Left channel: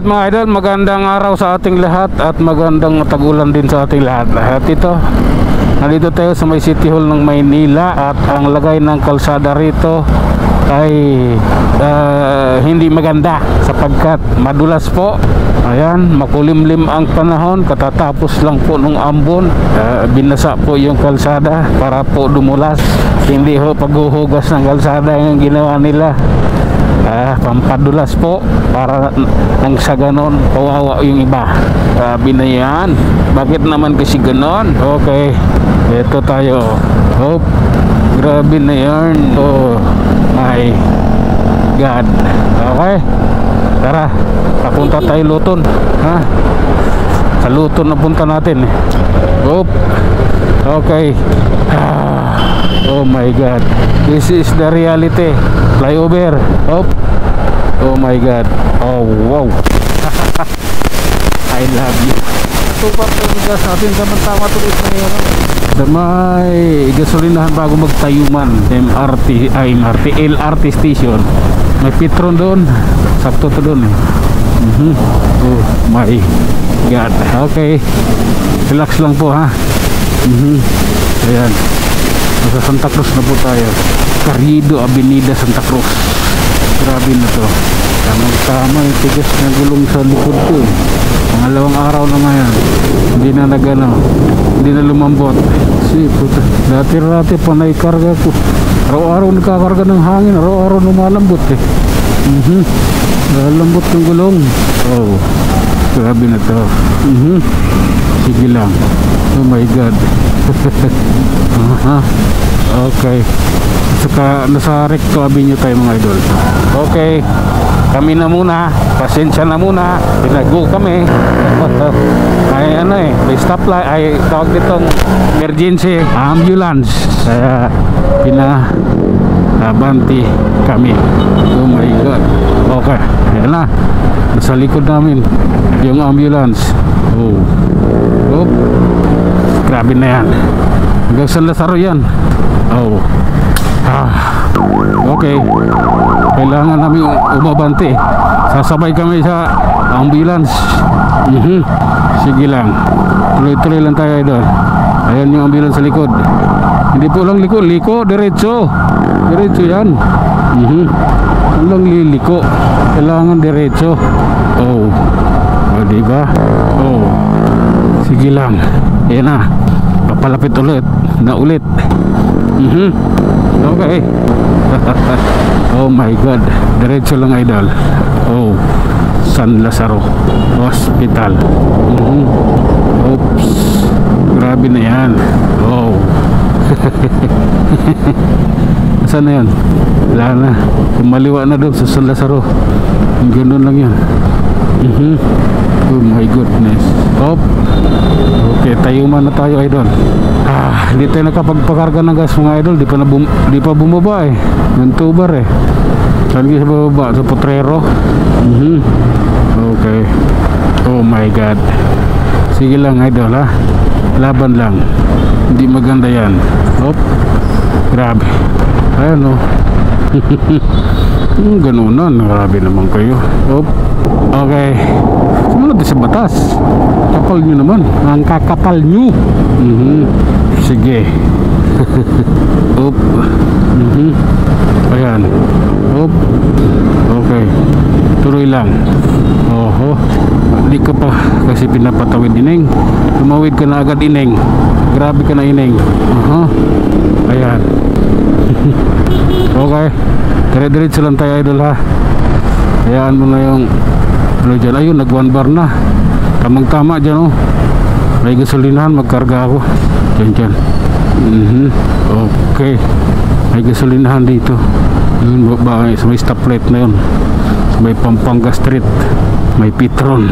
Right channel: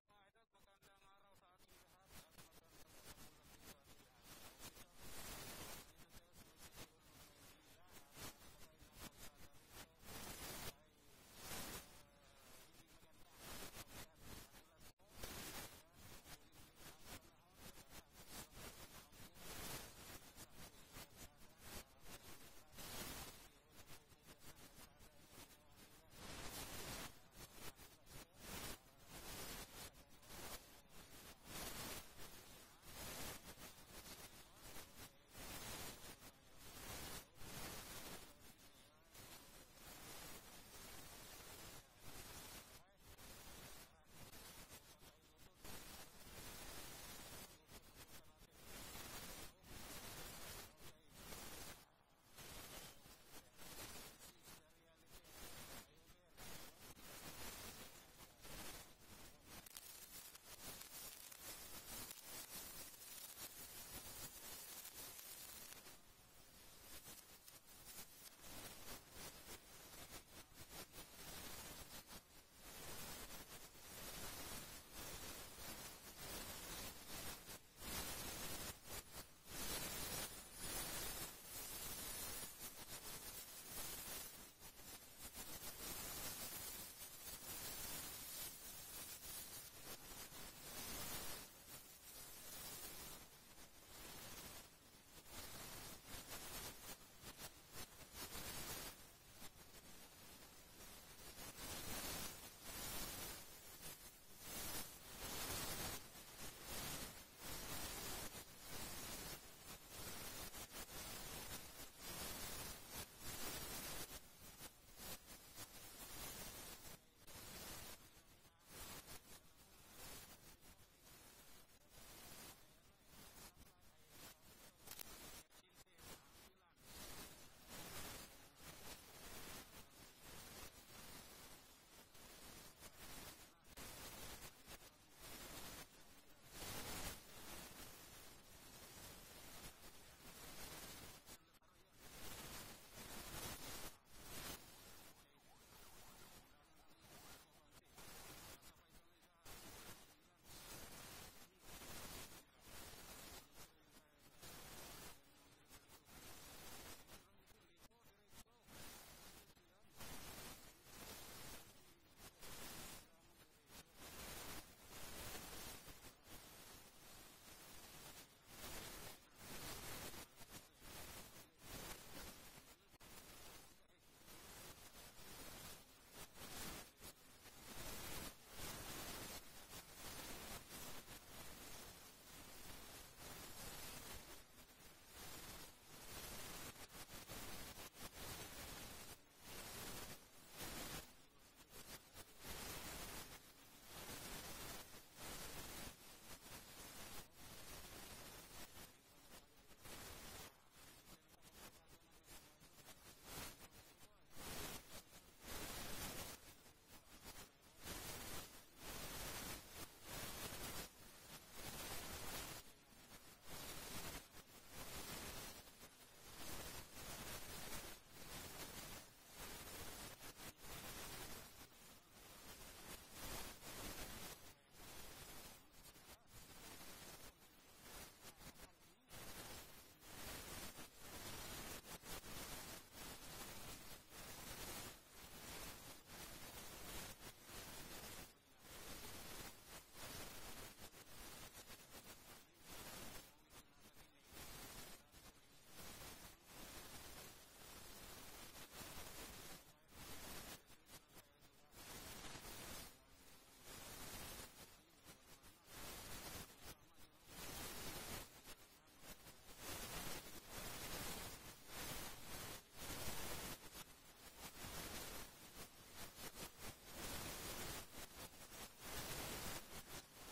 Alright mga idol, magandang araw sa ating lahat at magandang tagulan din sa ating lahat. At ito, nandito tayo sa may City Hall ng Maynila at ang lagay ng kalsada rito ay hindi maganda sapagkat madulas po. Ayan, makulimlim ang panahon, katatapos lang po nung ambon. Binasa po yung kalsada para po dumulas. Hindi ho paghuhugas ng kalsada yung ginawa nila. Pampadulas po para nang sa ganon kawawa yung iba. Sabi na yan, bakit naman kasi ganon? Okay, ito tayo. Hope, grabe na yan. Oh my God. Okay, tara, papunta tayo Luton. Sa Luton na punta natin. Hope, okay. Oh my God, this is the reality. Flyover. Oh my God. Oh wow. I love you. Super talaga sa atin. Tama tuloy na yun. Sa may gasolinahan bago magtayuman. LRT station. May Petron doon. Sakto to doon eh. Oh my God. Okay, relax lang po ha. Ayan, nasa Santa Cruz na po tayo. Carriedo Avenida, Santa Cruz. Grabe na to. Tama yung tigas na gulong sa likod ko eh. Pangalawang araw na ngayon, hindi na nagano, hindi na lumambot. Puta, dati panay karga ko. Araw-araw nagkakarga ng hangin, araw-araw lumalambot eh. Lalambot ng gulong. Oh, grabe na to. Sige lang. Oh my God. Okay, saka nasa Recto Avenue tayo mga idol. Okay, kami na muna, pasensya na muna, pinago kami. Ay ano eh, may stoplight, ay tawag ditong emergency ambulance, kaya pinabanti kami. Oh my God. Okay, yan na, nasa likod namin yung ambulance. Oh, grabe na yan. Hanggang San Lazaro yan. Oh. Okay, kailangan namin umabante. Sasabay kami sa ambulance. Sige lang, tuloy-tuloy lang tayo doon. Ayan yung ambulance sa likod. Hindi po lang liko, diretso yan. Walang liliko, kailangan diretso. Oh, diba? Oh, sige lang. Ayan na, papalapit ulit. Okay. Oh my God, diretso lang idol. Oh, San Lazaro Hospital. Oops, grabe na yan. Oh. Saan na yan? Wala na, kumaliwa na doon sa San Lazaro. Ganun lang yan. Oh my goodness. Okay, tayuman na tayo idol. Hindi tayo nakapagpakarga ng gas mga idol. Di pa bumaba eh. Yung tubar eh. Lagi sa bababa, sa Potrero. Okay. Oh my God. Sige lang idol ha. Laban lang. Hindi maganda yan. Grabe. Ayan o. Ganunan. Grabe naman kayo. Okay. Sumunod din sa batas. Kapal nyo naman. Ang kakapal nyo. Sige. Ayan. Okay, tuloy lang. Hindi ka pa kasi pinapatawid ineng. Tumawid ka na agad ineng. Grabe ka na ineng. Ayan. Okay, dire-diretso lang tayo idol ha. Hayaan mo na yung ano dyan. Ayun, nag 1 bar na. Tamang tama dyan oh. May gasolinahan, magkarga ako dyan. Okay, may gasolinahan dito. Yun ba, sa may stoplight na yun, sa may Pampanga Street, may Petron.